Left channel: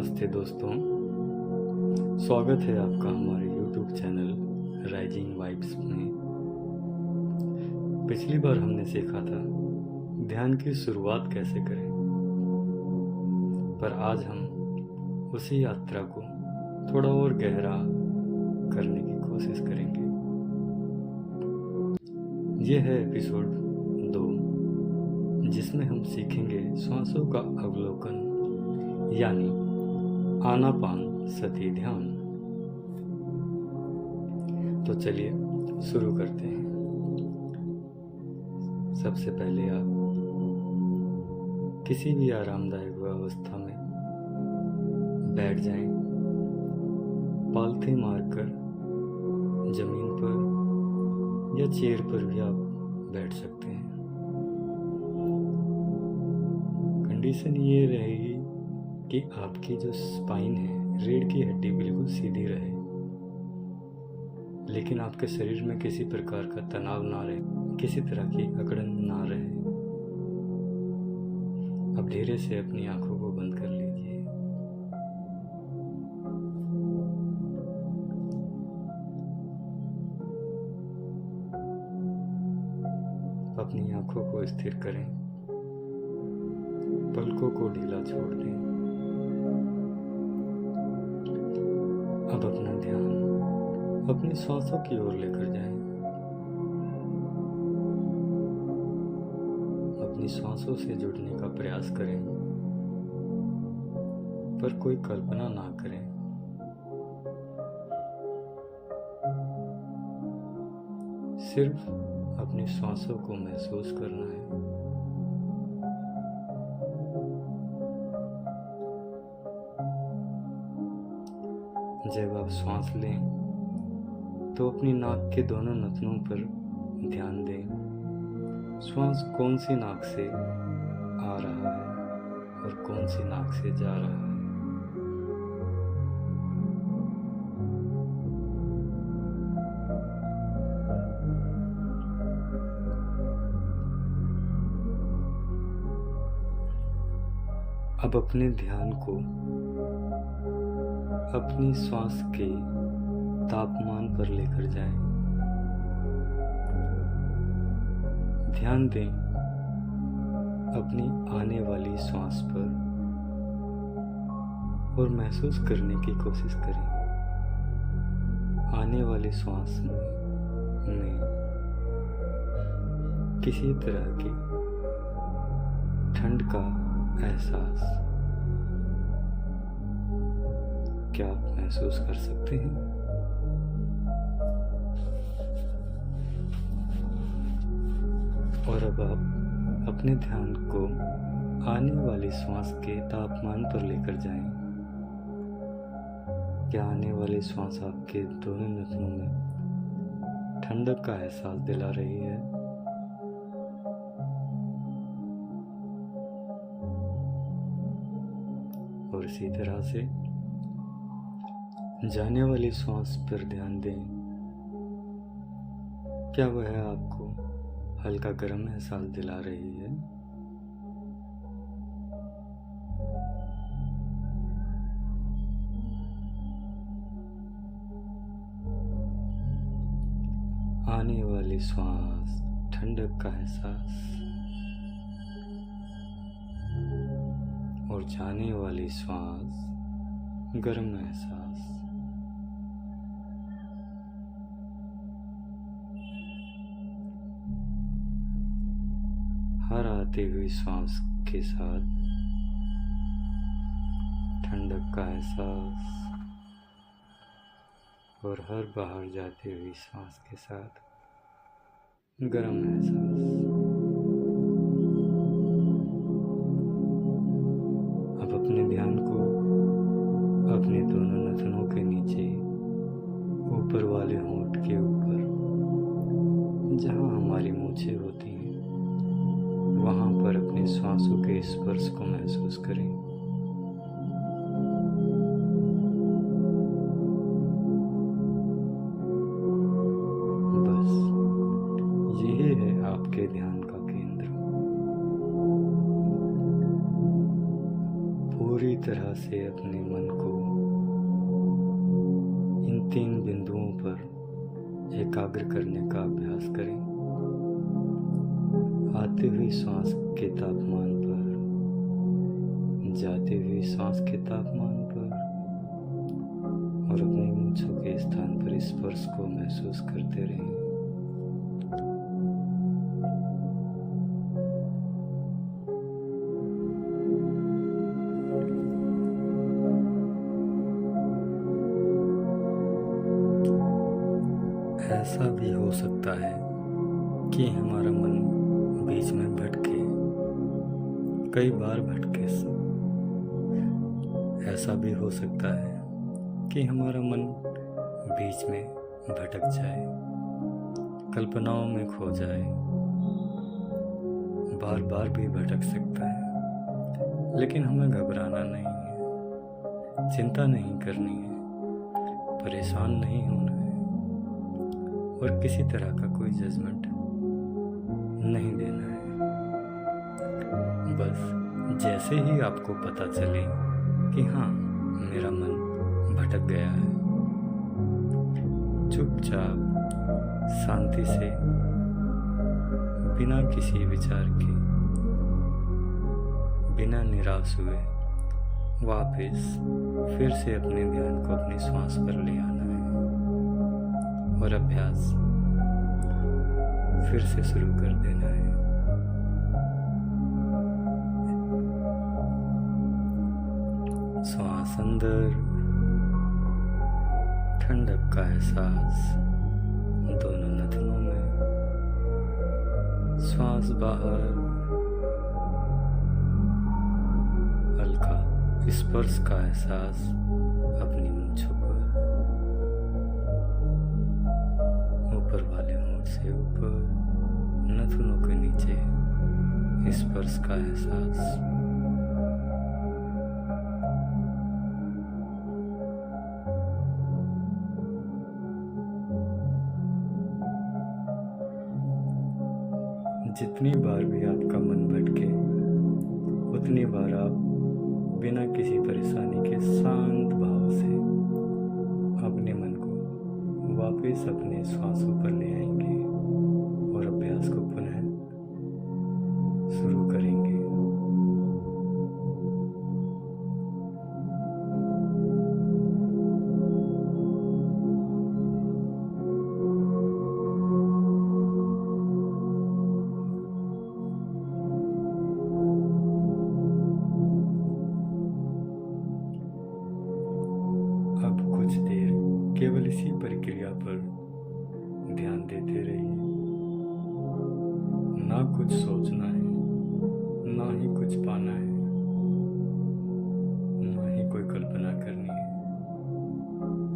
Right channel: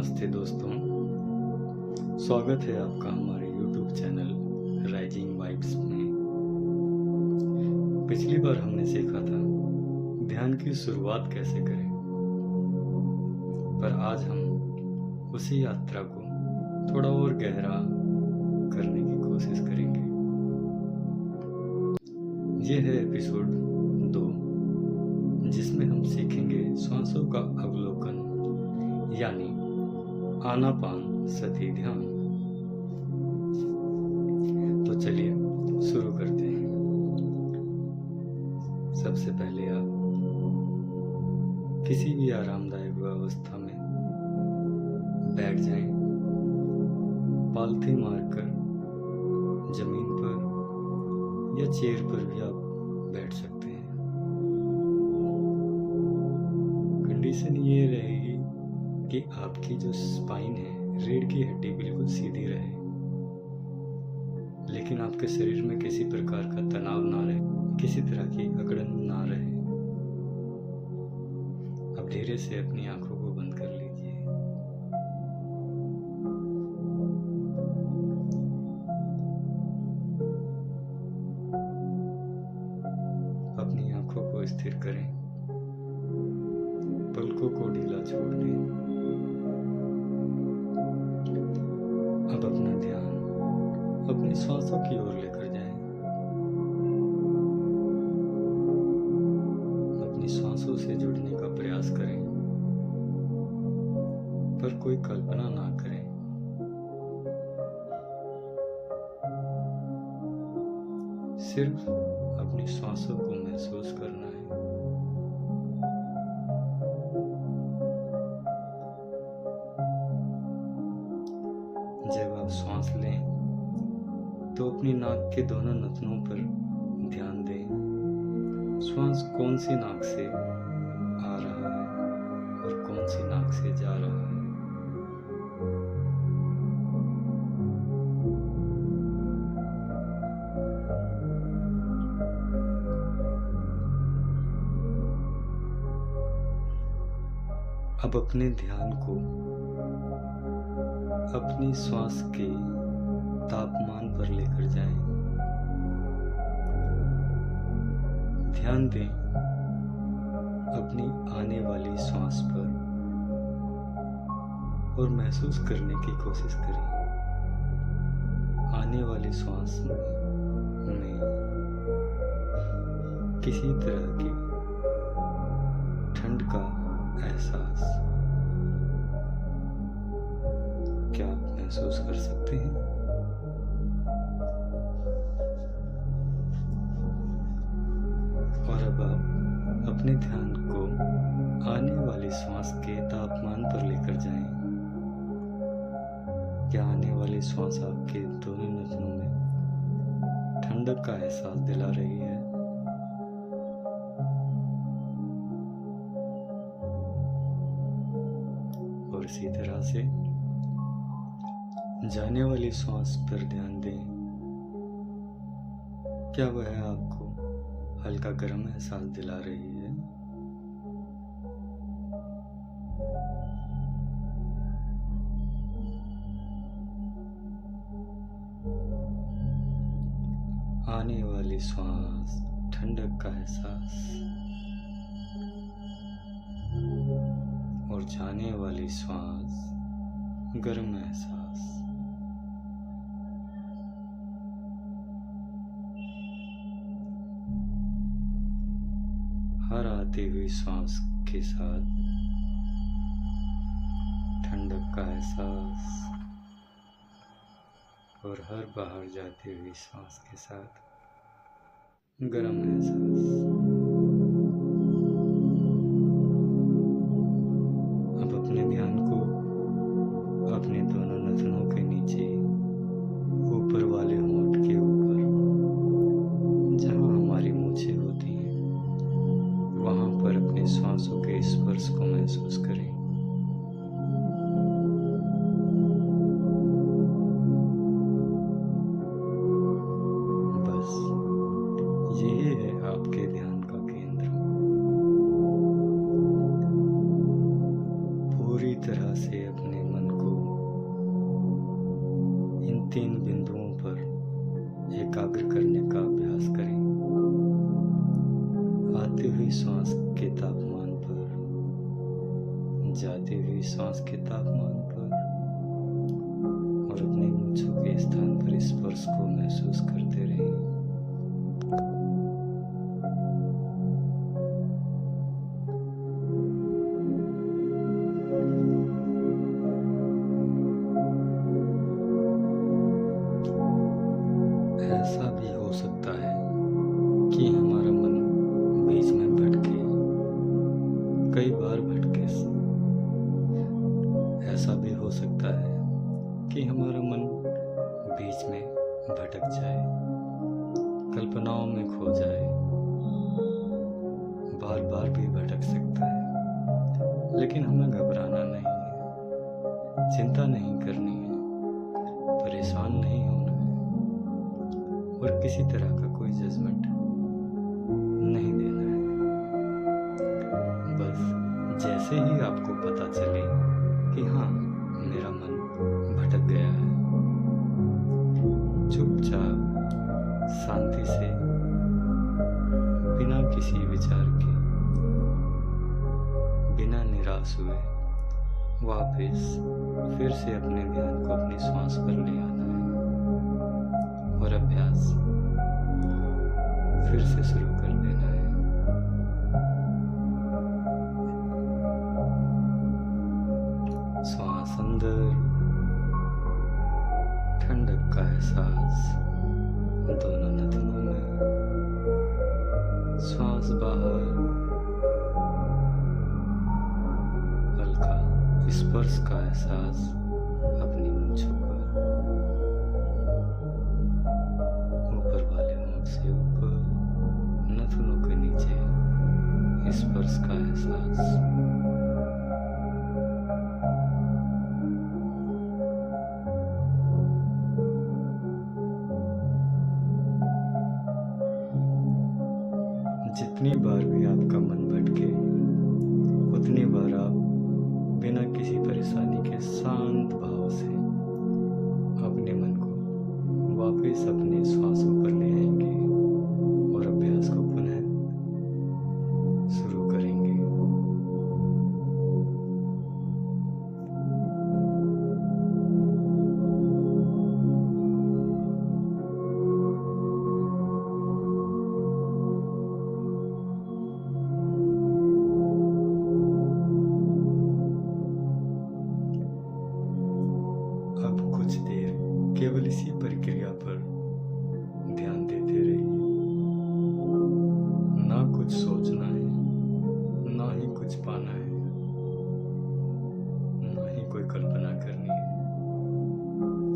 नमस्ते दोस्तों, स्वागत है आपका हमारे YouTube चैनल राइजिंग वाइब्स में। पिछली बार हमने सीखा था ध्यान की शुरुआत कैसे करें, पर आज हम उसी यात्रा को थोड़ा और गहरा करने की कोशिश करेंगे। यह है एपिसोड 2, जिसमें हम सीखेंगे श्वासों का अवलोकन यानी आनापान सति ध्यान। तो चलिए शुरू करते हैं। सबसे पहले आप किसी भी आरामदायक अवस्था में बैठ जाएं, पालथी मारकर जमीन पर या चेयर पर भी आप बैठ सकते हैं। कंडीशन ये रहेगी कि आपकी जो स्पाइन है, रीढ़ की हड्डी बिल्कुल सीधी रहे, लेकिन आपके शरीर में किसी प्रकार का तनाव ना रहे, किसी तरह की अकड़न ना रहे। अब धीरे से अपनी आंखों को बंद कर लीजिए। अपनी आंखों को स्थिर करें, पलकों को ढीला छोड़ दें। अब अपना ध्यान अपनी सांसों की ओर लेकर जाएं। अपनी सांसों से जुड़ने का प्रयास करें, पर कोई कल्पना ना करें। सिर्फ अपनी सांसों को महसूस करना है। जब आप सांस लें तो अपनी नाक के दोनों नथनों पर ध्यान दें। श्वास कौन सी नाक से आ रहा है और कौन सी नाक से जा रहा है। अब अपने ध्यान को अपनी श्वास के तापमान पर लेकर जाएं। ध्यान दें अपनी आने वाली श्वास पर और महसूस करने की कोशिश करें। आने वाली श्वास में किसी तरह की ठंड का एहसास क्या आप महसूस कर सकते हैं? और अब आप अपने ध्यान को आने वाली श्वास के तापमान पर लेकर जाएं। क्या आने वाली श्वास आपके दोनों नथनों में ठंडक का एहसास दिला रही है? और इसी तरह से जाने वाली श्वास पर ध्यान दें। क्या वह आपको हल्का गर्म एहसास दिला रही है? आने वाली श्वास ठंडक का एहसास और जाने वाली श्वास गर्म एहसास। हर आती हुई सांस के साथ ठंडक का एहसास और हर बाहर जाती हुई सांस के साथ गर्म एहसास। अब अपने ध्यान को अपने दोनों नथनों के नीचे ऊपर वाले होंठ के ऊपर, जहां हमारी मूछें होती हैं, वहां पर अपने श्वासों के स्पर्श को महसूस करें। बस यही है आपके ध्यान का केंद्र। पूरी तरह से अपने मन को इन 3 बिंदुओं पर एकाग्र करने का अभ्यास करें। आते हुए श्वास के तापमान पर, जाते हुए श्वास के तापमान पर और अपनी मूंछों के स्थान पर स्पर्श को महसूस करते रहें। ऐसा भी हो सकता है कि हमारा मन बीच में भटके, कई बार भटके। ऐसा भी हो सकता है कि हमारा मन बीच में भटक जाए, कल्पनाओं में खो जाए, बार बार भी भटक सकता है। लेकिन हमें घबराना नहीं है, चिंता नहीं करनी है, परेशान नहीं होना है और किसी तरह का कोई जजमेंट नहीं देना है। बस जैसे ही आपको पता चले कि हाँ, मेरा मन भटक गया है, चुपचाप शांति से बिना किसी विचार के, बिना निराश हुए वापस फिर से अपने ध्यान को अपनी श्वास पर ले आना है और अभ्यास फिर से शुरू कर देना है। श्वास अंदर, ठंडक का एहसास दोनों नथनों में, श्वास बाहर, हल्का स्पर्श का एहसास अपनी मूंछों पर, ऊपर वाले होंठ से ऊपर, नथुनों के नीचे स्पर्श का एहसास। जितनी बार भी आपका मन भटके, उतनी बार आप बिना किसी परेशानी के शांत भाव से अपने मन को वापस अपने श्वासों पर ले आएंगे और अभ्यास को पुनः शुरू करेंगे। अब कुछ देर केवल इसी प्रक्रिया पर ध्यान देते रहिए। ना कुछ सोचना है, ना ही कुछ पाना है, ना ही कोई कल्पना करनी है।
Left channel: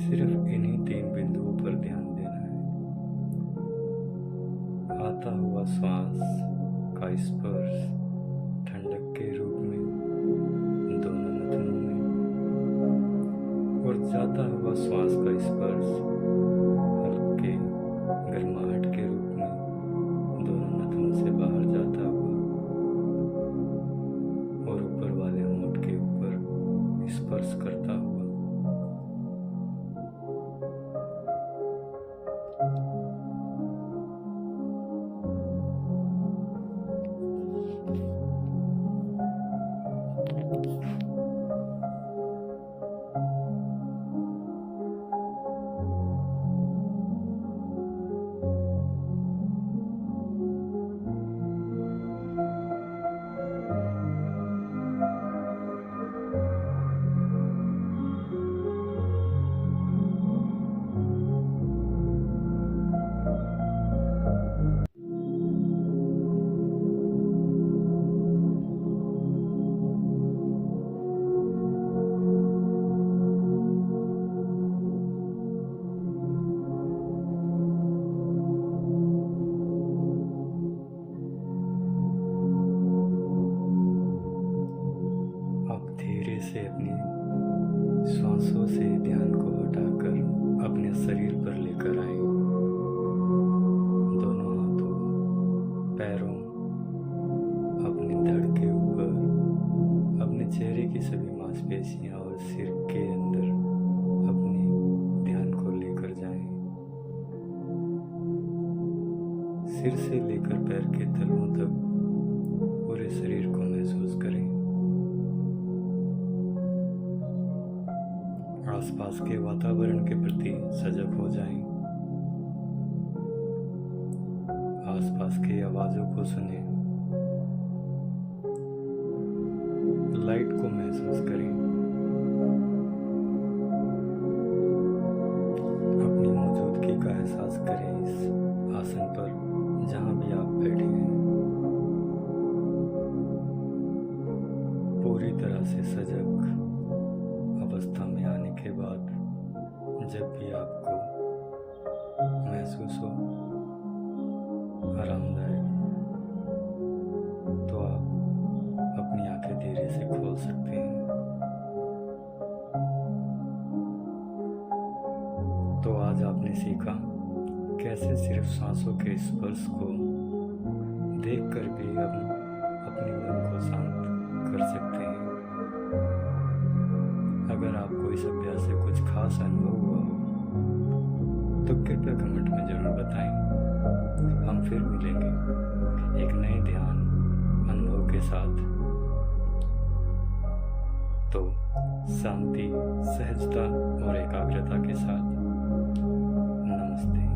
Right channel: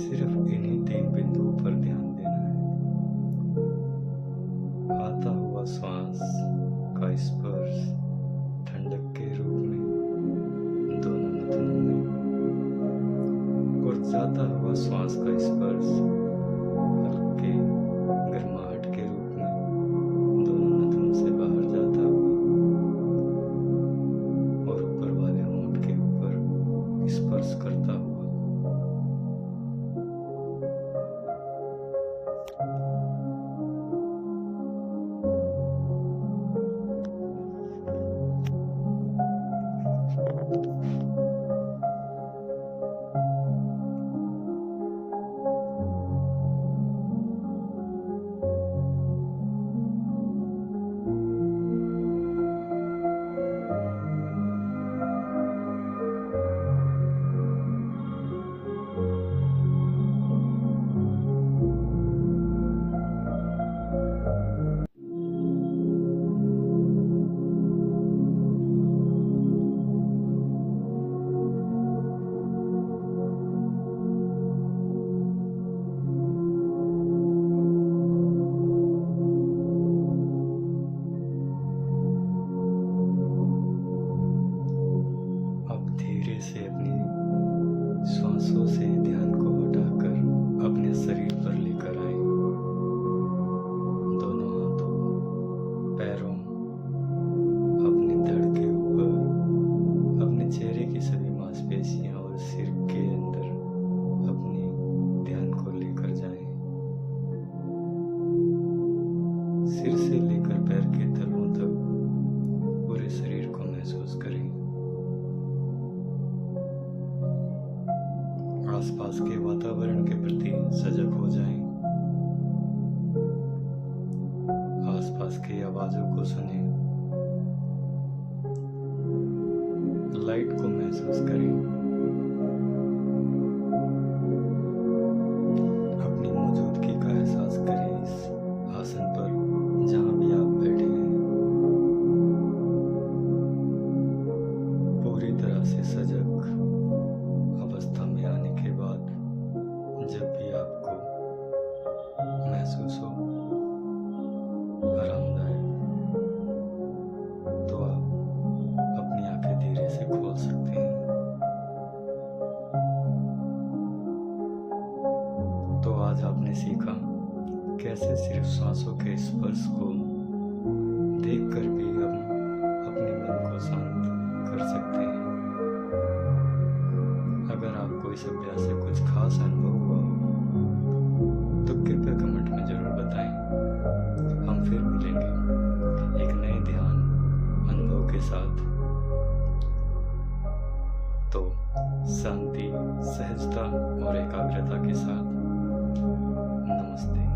सिर्फ इन्हीं 3 बिंदुओं पर ध्यान देना है। आता हुआ श्वास का स्पर्श ठंडक के रूप में दोनों नथनों में और जाता हुआ श्वास का स्पर्श हल्के गर्माहट के रूप में दोनों नथनों से बाहर जाता हुआ और ऊपर वाले होंठ के ऊपर स्पर्श करता हुआ। धीरे से अपनी श्वासों से ध्यान को हटाकर अपने शरीर पर लेकर आए। दोनों हाथों, पैरों, अपने धड़ के ऊपर, अपने चेहरे की सभी मांसपेशियां और सिर के अंदर अपने ध्यान को लेकर जाएं। सिर से लेकर पैर के तलवों तक पूरे शरीर को महसूस करें। आसपास के वातावरण के प्रति सजग हो जाएं। आसपास की आवाजों को सुनें। लाइट को महसूस करें। अपनी मौजूदगी का एहसास करें इस आसन पर जहां भी आप बैठे हैं। पूरी तरह से सजग अवस्था में आने के बाद जब भी आपको महसूस हो आरामदायक, तो आप अपनी आंखें धीरे से खोल सकते हैं। तो आज आपने सीखा कैसे सिर्फ सांसों के स्पर्श को देखकर भी हम अपने मन को शांत कर सकते हैं। अगर आपको इस अभ्यास से कुछ खास अनुभव हुआ हो तो कृपया कमेंट में ज़रूर बताएं। हम फिर मिलेंगे एक नए ध्यान अनुभव के साथ। तो शांति, सहजता और एकाग्रता के साथ नमस्ते।